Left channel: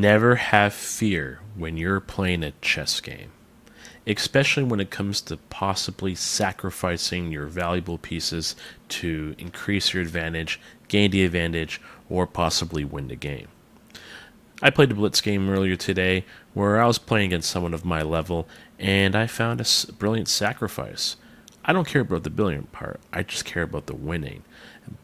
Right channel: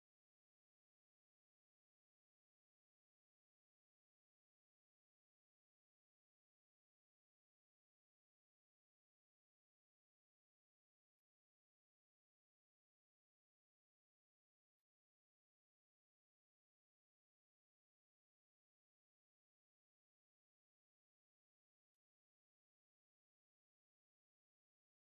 Never have fear when you're playing a chess game, especially when it comes to possibly sacrificing your valuable pieces to increase your advantage, gain the advantage, or possibly win the game. I played a Blitz game earlier today where I was playing against someone of my level, and I found a brilliant sacrifice. I don't care about the brilliant part, I just care about the winning.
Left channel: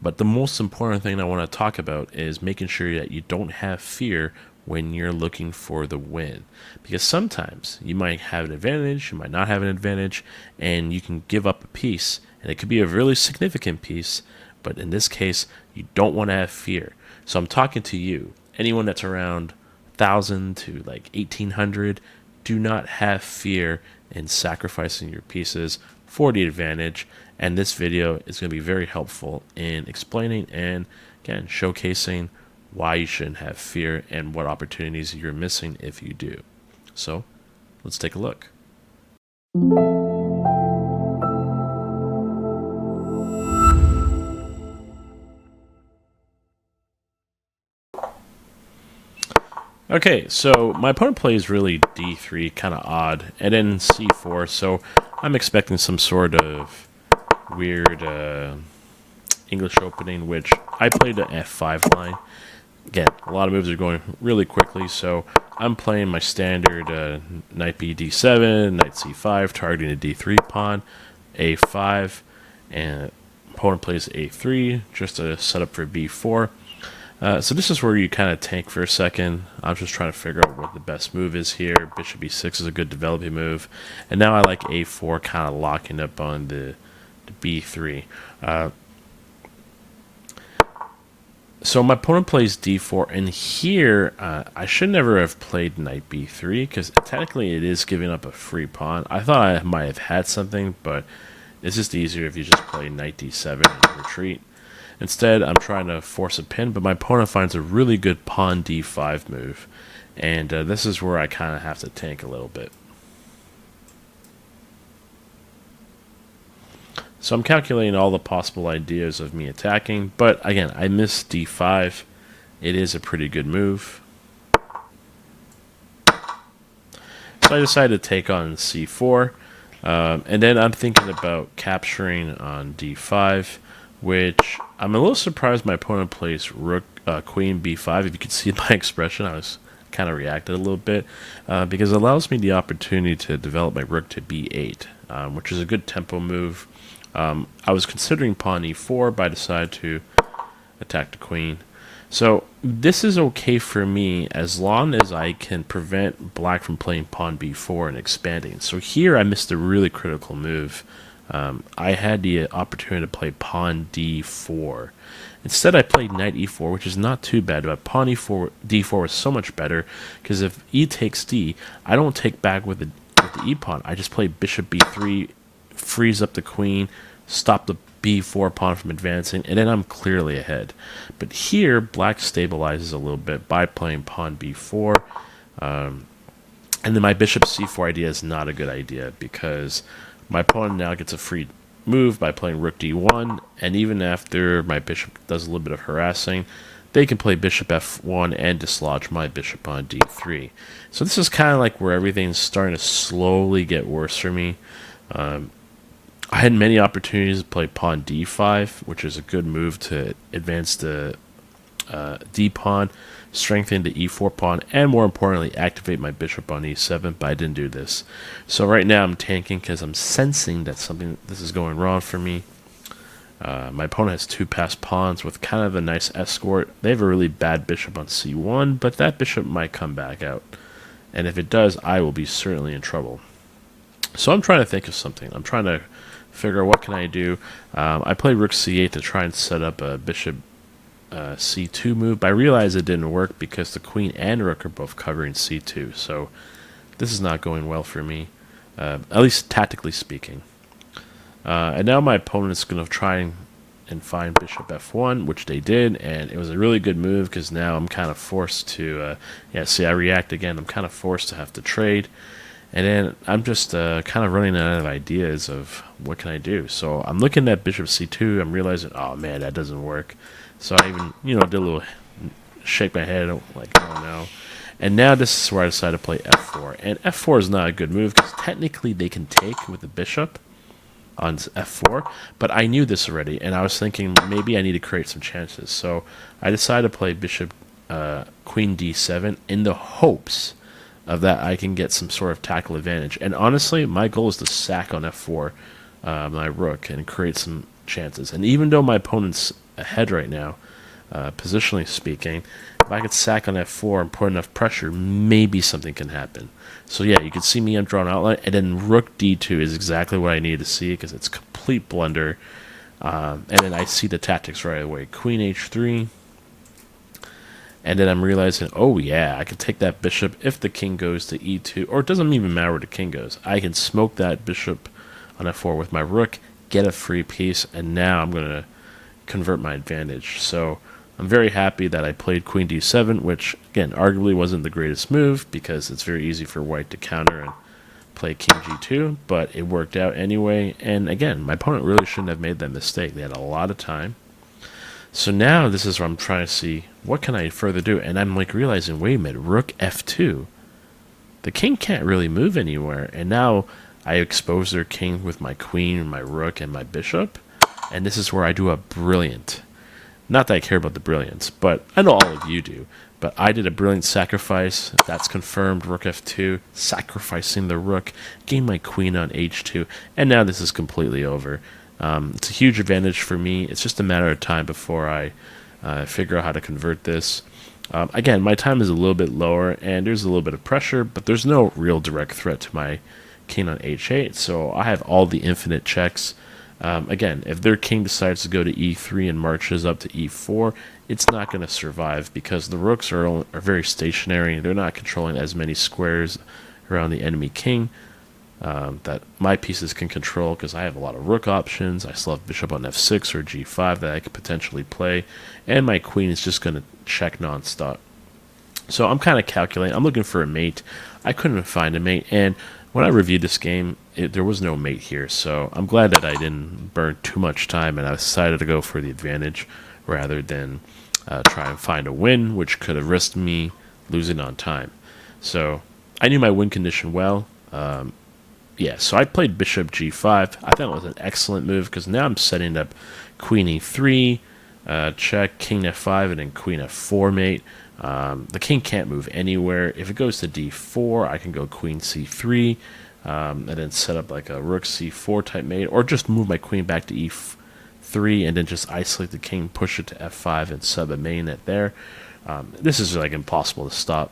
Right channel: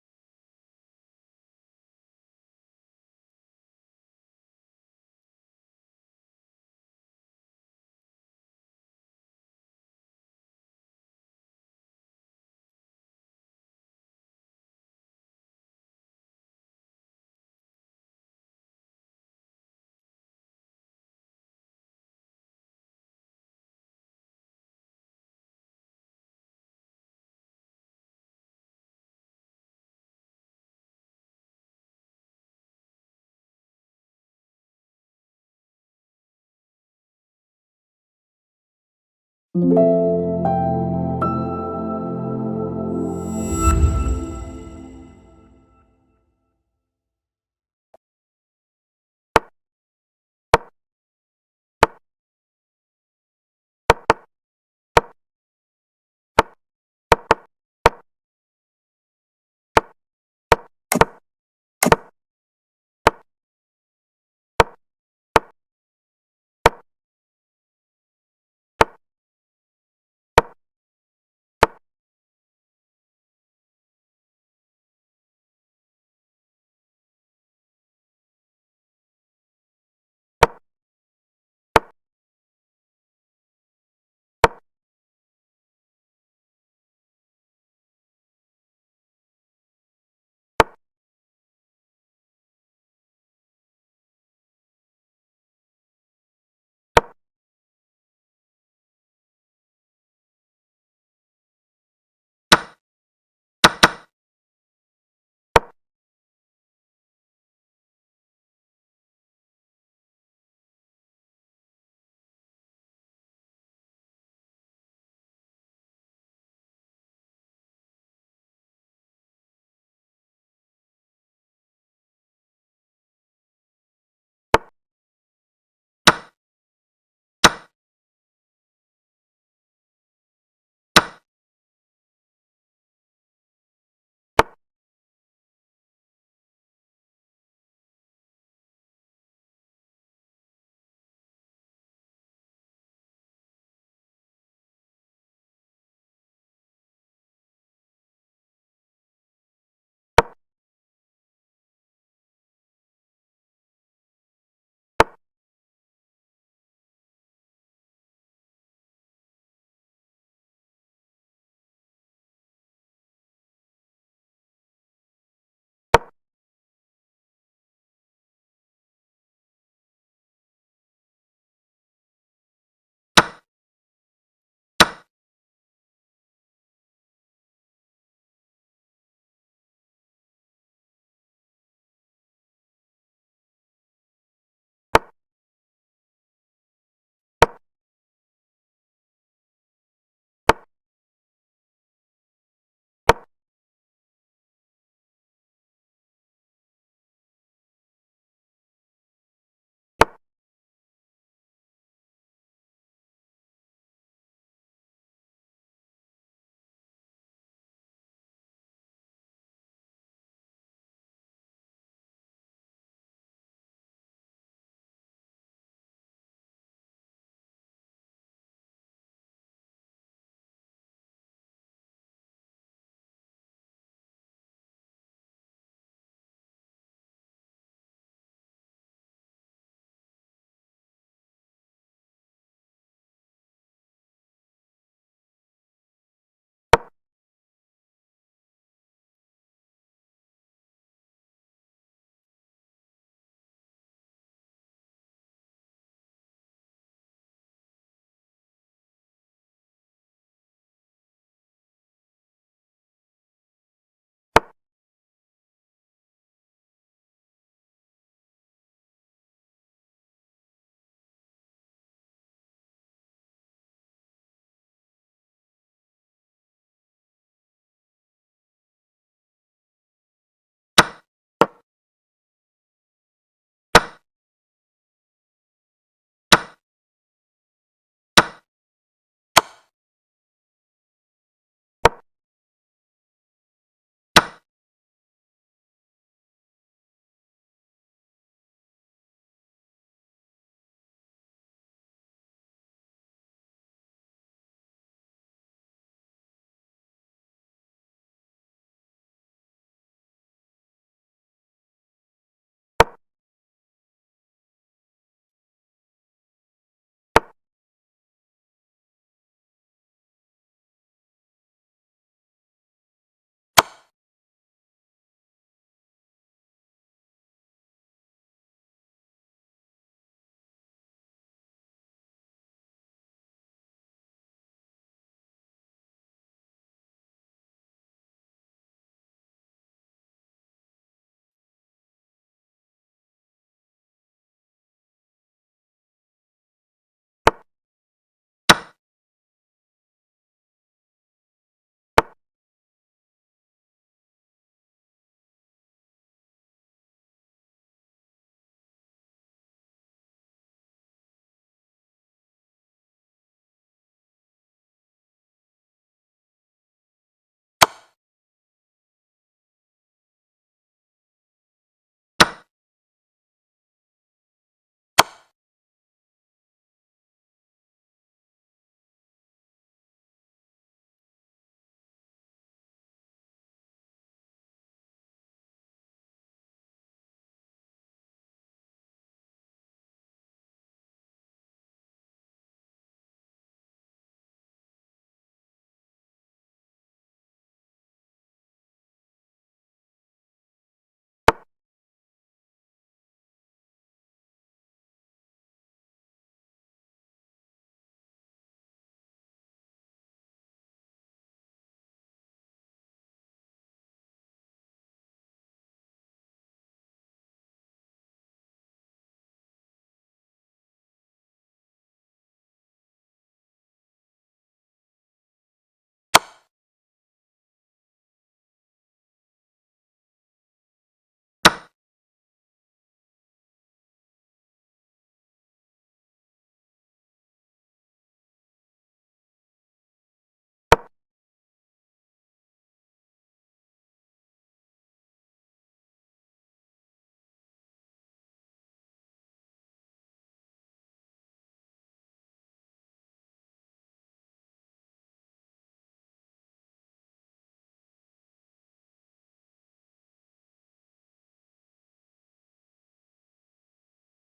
But the most important thing I want to talk about is making sure that you don't have fear when you're looking for the win. Because sometimes you might have an advantage, you might not have an advantage, and you can give up a piece, and it could be a really significant piece, but in this case, you don't want to have fear. So I'm talking to you, anyone that's around 1,000 to like 1,800, do not have fear in sacrificing your pieces for the advantage. And this video is going to be very helpful in explaining and, again, showcasing why you shouldn't have fear and what opportunities you're missing if you do. So, let's take a look. Okay, so my opponent plays really d3, kind of odd, and then c4, so I'm expecting some sort of weird English opening, which I played the f5 line. Again, a lot of moves are going really quickly, so I'm playing my standard knight b d7, knight c5, targeting a d3 pawn, a5, and opponent plays a3, just to set up for b4. So this is where you kind of tank for a second. I'm just trying to figure out what the best move is here. Bishop b6 is a good developing move. And now I like a4, kind of locking up on the b3. So my opponent plays d4, and here I should never have played knight b3, because technically it is giving up a free pawn. I thought I might have had something, but it's just easier if you just play knight d7 and retreat. Instead, I'm trying to force a pin, but my opponent finds a really good pawn d5 move, and this is where I kind of have to tank a little bit. So I'm calculating all the possible ideas of me attacking, but again, I missed d5. It is a pretty good move. So I decided to take on c4, and then I'm thinking about capturing on d5, which I'm a little surprised my opponent plays rook, queen b5. If you could see my expression, I was kind of reacted a little bit, because it allows me the opportunity to develop my rook to b8, which is a good tempo move. I was considering pawn e4, but I decided to attack the queen. So this is okay for me as long as I can prevent black from playing pawn b4 and expanding. So here I missed a really critical move. I had the opportunity to play pawn d4. Instead, I played knight e4, which is not too bad, but pawn d4 is so much better, because if e takes d, I don't take back with the e pawn. I just play bishop b3, freeze up the queen, stop the b4 pawn from advancing, and then I'm clearly ahead. But here, black stabilizes a little bit by playing pawn b4, and then my bishop c4 idea is not a good idea, because my opponent now gets a free move by playing rook d1, and even after my bishop does a little bit of harassing, they can play bishop f1 and dislodge my bishop on d3. So this is kind of like where everything's starting to slowly get worse for me. I had many opportunities to play pawn d5, which is a good move to advance the d pawn, strengthen the e4 pawn, and more importantly, activate my bishop on e7, but I didn't do this. So right now I'm tanking because I'm sensing that this is going wrong for me. My opponent has two passed pawns with kind of a nice escort. They have a really bad bishop on c1, but that bishop might come back out. And if it does, I will be certainly in trouble. So I'm trying to think of something. I'm trying to figure out what can I do. I played rook c8 to try and set up a bishop c2 move, but I realized it didn't work because the queen and rook are both covering c2. So this is not going well for me, at least tactically speaking. And now my opponent is going to try and find bishop f1, which they did, and it was a really good move because now I'm kind of forced to, see, I react again. I'm kind of forced to have to trade. And then I'm just kind of running out of ideas of what can I do. So I'm looking at bishop c2. I'm realizing, oh man, that doesn't work. So I even, did a little shake my head like, oh no. And now this is where I decided to play f4. And f4 is not a good move because technically they can take with the bishop on f4, but I knew this already, and I was thinking maybe I need to create some chances. So I decided to play bishop queen d7 in the hopes of that I can get some sort of tactical advantage. And honestly, my goal is to sack on f4 my rook and create some chances. And even though my opponent's ahead right now, positionally speaking, if I could sack on f4 and put enough pressure, maybe something can happen. So yeah, you can see me on drawn outline, and then rook d2 is exactly what I needed to see because it's complete blunder. And then I see the tactics right away. Queen h3. And then I'm realizing, oh yeah, I can take that bishop if the king goes to e2, or it doesn't even matter where the king goes. I can smoke that bishop on f4 with my rook, get a free piece, and now I'm going to convert my advantage. So I'm very happy that I played queen d7, which, again, arguably wasn't the greatest move because it's very easy for white to counter and play king g2, but it worked out anyway. And again, my opponent really shouldn't have made that mistake. They had a lot of time. So now this is where I'm trying to see what can I further do, and I'm like realizing, wait a minute, rook f2. The king can't really move anywhere, and now I expose their king with my queen, my rook, and my bishop, and this is where I do a brilliant. Not that I care about the brilliance, but I know all of you do. But I did a brilliant sacrifice. That's confirmed. Rook f2, sacrificing the rook, gain my queen on h2, and now this is completely over. It's a huge advantage for me. It's just a matter of time before I figure out how to convert this. Again, my time is a little bit lower, and there's a little bit of pressure, but there's no real direct threat to my king on h8, so I have all the infinite checks. Again, if their king decides to go to e3 and marches up to e4, it's not going to survive because the rooks are very stationary. They're not controlling as many squares around the enemy king that my pieces can control because I have a lot of rook options. I still have bishop on f6 or g5 that I could potentially play, and my queen is just going to check nonstop. So I'm kind of calculating. I'm looking for a mate. I couldn't find a mate, and when I reviewed this game, there was no mate here, so I'm glad that I didn't burn too much time and I decided to go for the advantage rather than try and find a win, which could have risked me losing on time. So I knew my win condition well. Yeah, so I played bishop g5. I thought it was an excellent move because now I'm setting up queen e3, check, king f5, and then queen f4 mate. The king can't move anywhere. If it goes to d4, I can go queen c3, and then set up like a rook c4 type mate, or just move my queen back to e3 and then just isolate the king, push it to f5, and sub a mainnet there. This is like impossible to stop.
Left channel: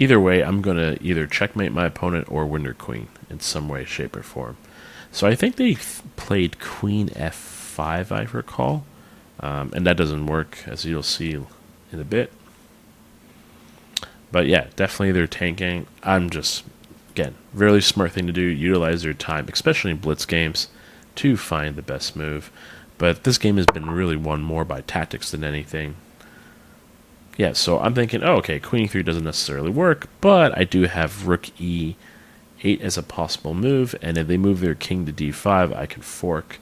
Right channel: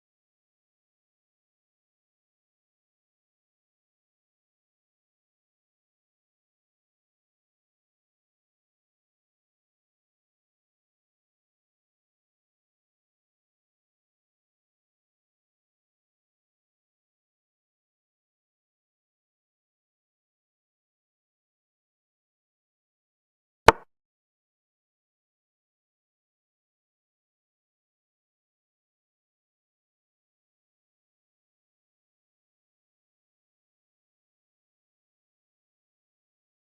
Either way, I'm going to either checkmate my opponent or win their queen in some way, shape, or form. So I think they played queen f5, I recall, and that doesn't work, as you'll see in a bit. But yeah, definitely they're tanking. I'm just, again, really smart thing to do, utilize their time, especially in blitz games, to find the best move. But this game has been really won more by tactics than anything. Yeah, so I'm thinking, oh, okay, queen e3 doesn't necessarily work, but I do have rook e8 as a possible move, and if they move their king to d5, I can fork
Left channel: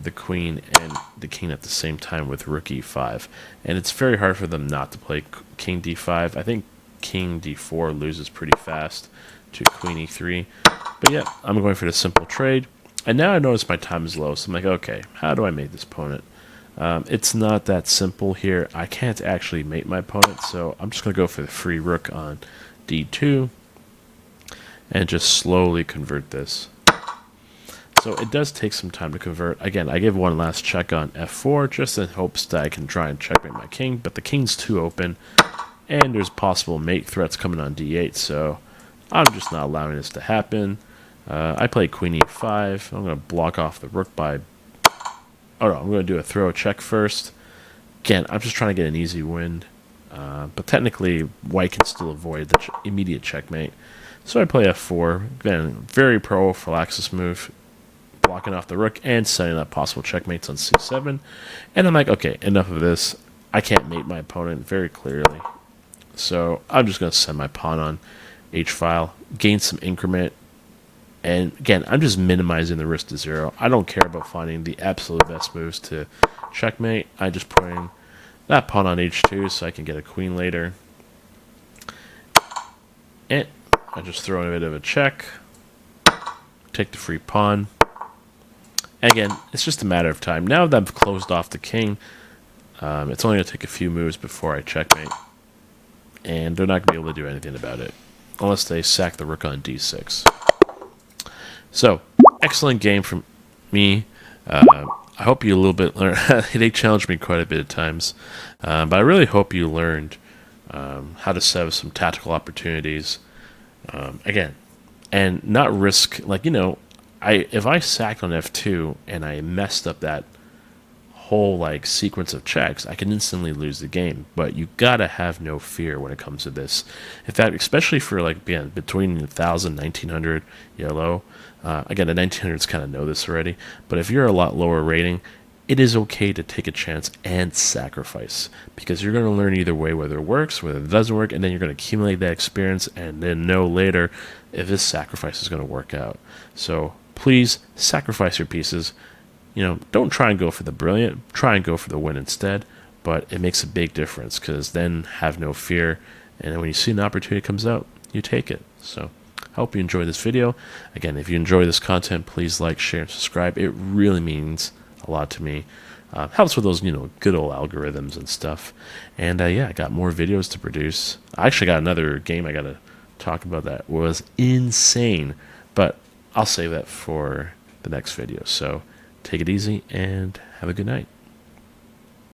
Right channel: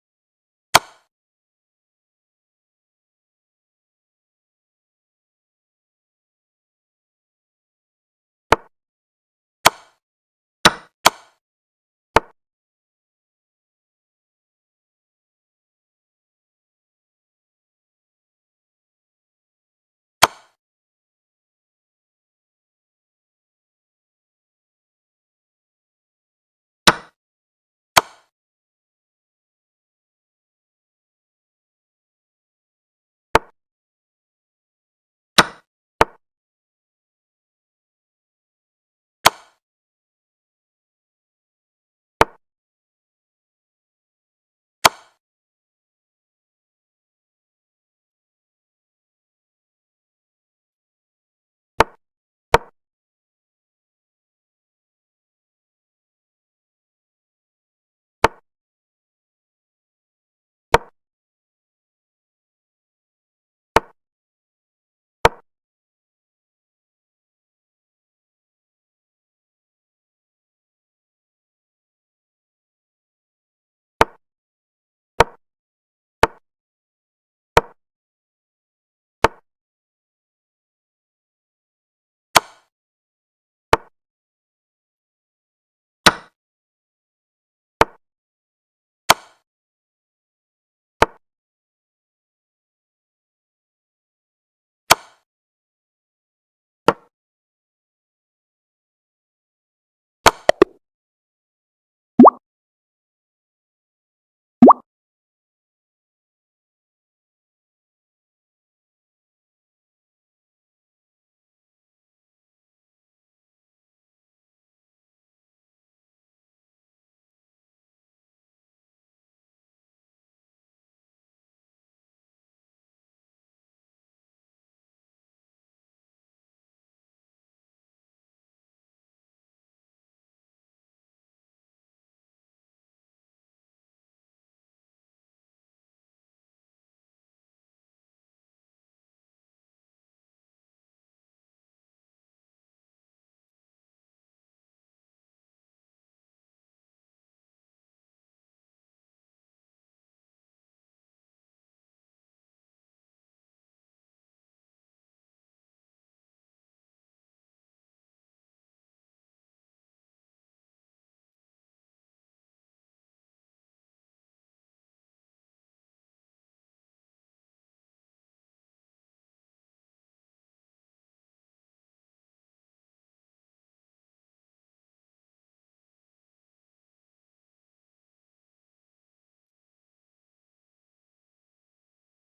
the queen and the king at the same time with rook e5. And it's very hard for them not to play king d5. I think king d4 loses pretty fast to queen e3. But yeah, I'm going for the simple trade. And now I notice my time is low, so I'm like, okay, how do I mate this opponent? It's not that simple here. I can't actually mate my opponent, so I'm just going to go for the free rook on d2 and just slowly convert this. So it does take some time to convert. Again, I give one last check on f4 just in hopes that I can try and checkmate my king, but the king's too open, and there's possible mate threats coming on d8, so I'm just not allowing this to happen. I play queen e5. I'm going to block off the rook by... Oh no, I'm going to do a throw check first. Again, I'm just trying to get an easy win. But technically, white can still avoid the immediate checkmate. So I play f4. Again, very prophylaxis move. Blocking off the rook and setting up possible checkmates on c7. And I'm like, okay, enough of this. I can't mate my opponent very clearly. So I'm just going to send my pawn on h-file, gain some increment. And again, I'm just minimizing the risk to zero. I don't care about finding the absolute best moves to checkmate. I just putting that pawn on h2 so I can get a queen later. And I just throw in a bit of a check, take the free pawn. And again, it's just a matter of time. Now that I've closed off the king, it's only going to take a few moves before I checkmate. And they're not going to be able to do anything about it, unless they sack the rook on d6. So, excellent game from me. I hope you a little bit learned. They challenged me quite a bit at times. But I really hope you learned how to set up some tactical opportunities. Again, and not risk, like, if I sacked on f2 and I messed up that whole like sequence of checks, I can instantly lose the game. But you gotta have no fear when it comes to this. In fact, especially for like, again, between 1000 1900 yellow. Again, the 1900s kind of know this already. But if you're a lot lower rating, it is okay to take a chance and sacrifice, because you're going to learn either way whether it works, whether it doesn't work, and then you're going to accumulate that experience and then know later if this sacrifice is going to work out. So please sacrifice your pieces. Don't try and go for the brilliant. Try and go for the win instead. But it makes a big difference, because then have no fear. And then when you see an opportunity comes out, you take it. So I hope you enjoyed this video. Again, if you enjoy this content, please like, share, and subscribe. It really means a lot to me. Helps with those, good old algorithms and stuff. And yeah, I got more videos to produce. I actually got another game I got to talk about that was insane. But I'll save that for the next video. So take it easy and have a good night.